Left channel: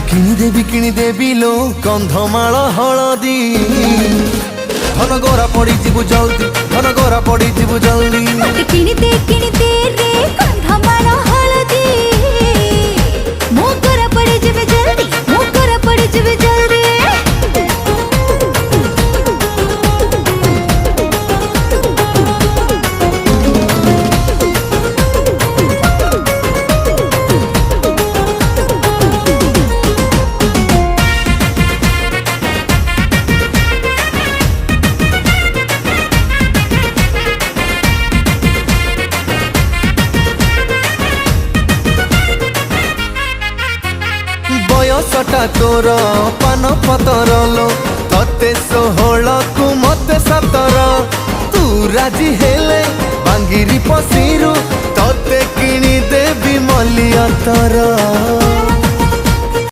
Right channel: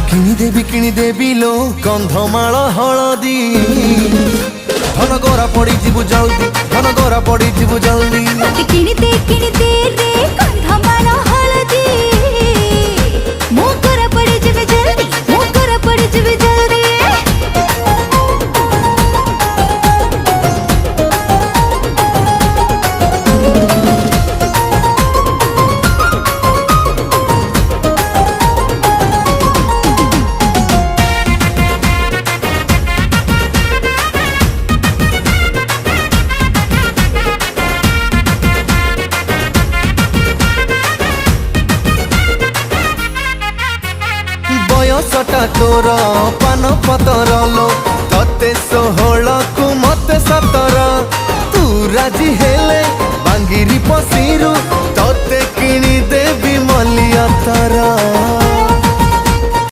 तोते किणी देवी लो कंधमाल हलदी धन गोरा पड़ी जीवु जल्दी धन गोरा पड़ी जीवु जल्दी मत किणी दे रे कंधमाल हलदी मो गोरा पड़ी जीवे जल्दी मो गोरा पड़ी जीवे जल्दी बयसटा तोर पान पतर लो तते 16 कु मते 17 तू राजी हेले बांगिरी पसीरु तते किणी देवी मलिया तारा।